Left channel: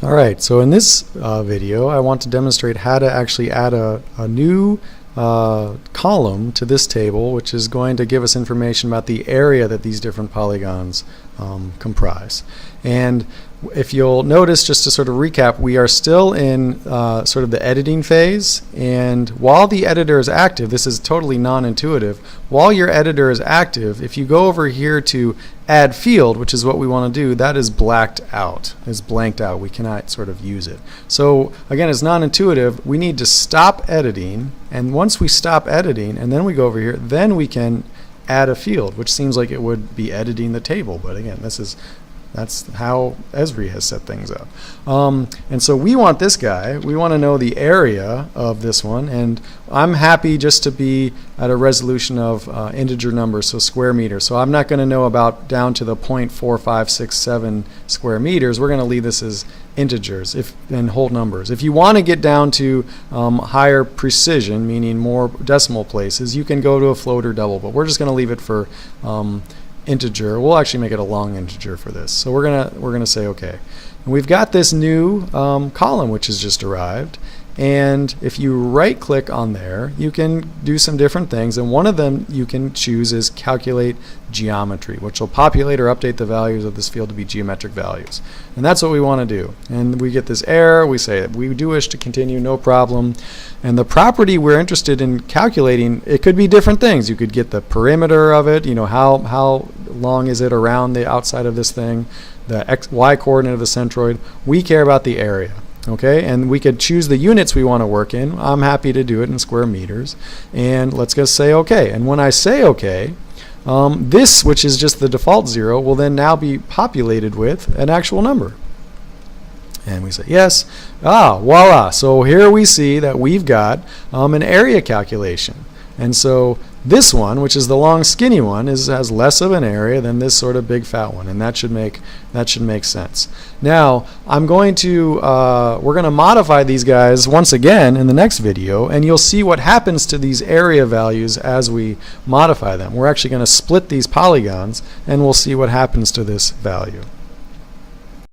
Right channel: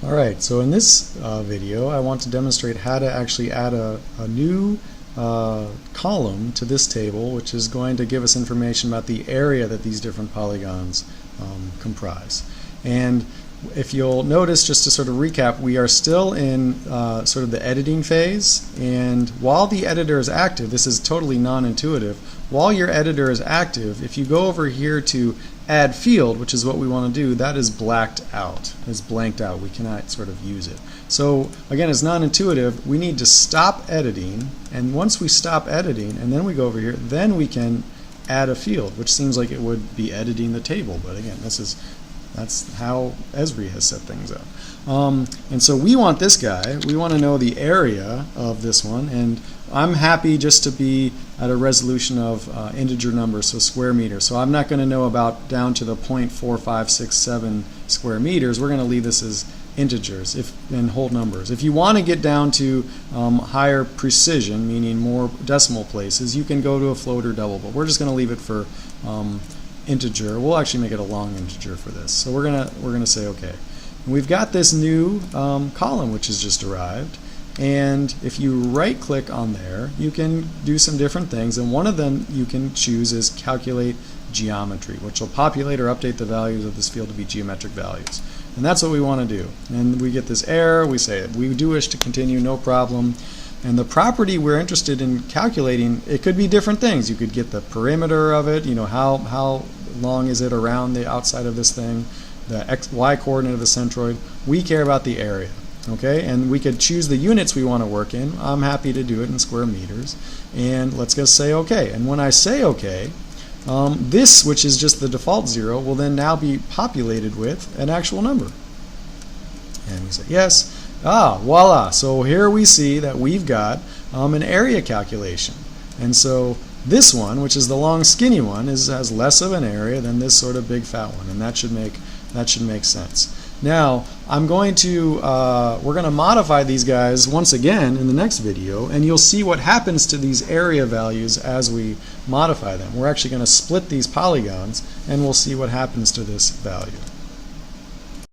Alright, so in this video I want to demonstrate how to actually add a new column to this table, which is going to give us information about the area that these different polygons comprise. And if you'll notice, just to sort of recap, we are still in sort of the editing phase, and while the editor is active, this is totally non-intuitive, while your editor is active, if you go over here to add field, which is what we want to do, that is blacked out, is blanked out. We cannot sort of use it. So again, it's non-intuitive. We need to stop editing, and once we stop editing and then we go over here, then we can add a field, which seems like it would be editing the table, but again, that's how Esri has set things up. And so we want this guy, we want to know the area of this one, and I'm happy just to be at a resolution of integer numbers, so square meters. So I'm not going to know about down to the 0.4567 square meters. We're going to leave this as integers and whole numbers. If you want to get down to higher precision, meaning more decimal places, you can go to a float or double, but we're just going to leave it for integer. We'll actually make it a long integer for this. So we're gonna say okay. And we've got this new column which has just arrived, and if you right click on there, you can do some different things, and one of them you can choose is calculate geometry, which will populate or update the values of this field to be geometric values. And that's what we want to do. And we get this error, we say we do wish to continue, no problem. And the property we're interested in calculating, it could be different things. You could get the perimeter of it, you know, how long is it around the outside of this thing, the x, y coordinate of the centroid. We care about the area, okay? And we could choose the units we want to work in. I'm happy to do it in square meters. And let's just say okay. And when I say okay, this, which is just the default 0, will then now be populated with an actual number. And we say yes. Voila. So here we see that we've got an area calculation. And so this one, which is the long skinny one, has less of an area than this sort of big fat one, and that should make sense. Now we're going to modify these guys once again in the next video, and you'll see what happens to these area values as we modify them. We're actually going to split these polygons, and we'll see what happens to this value.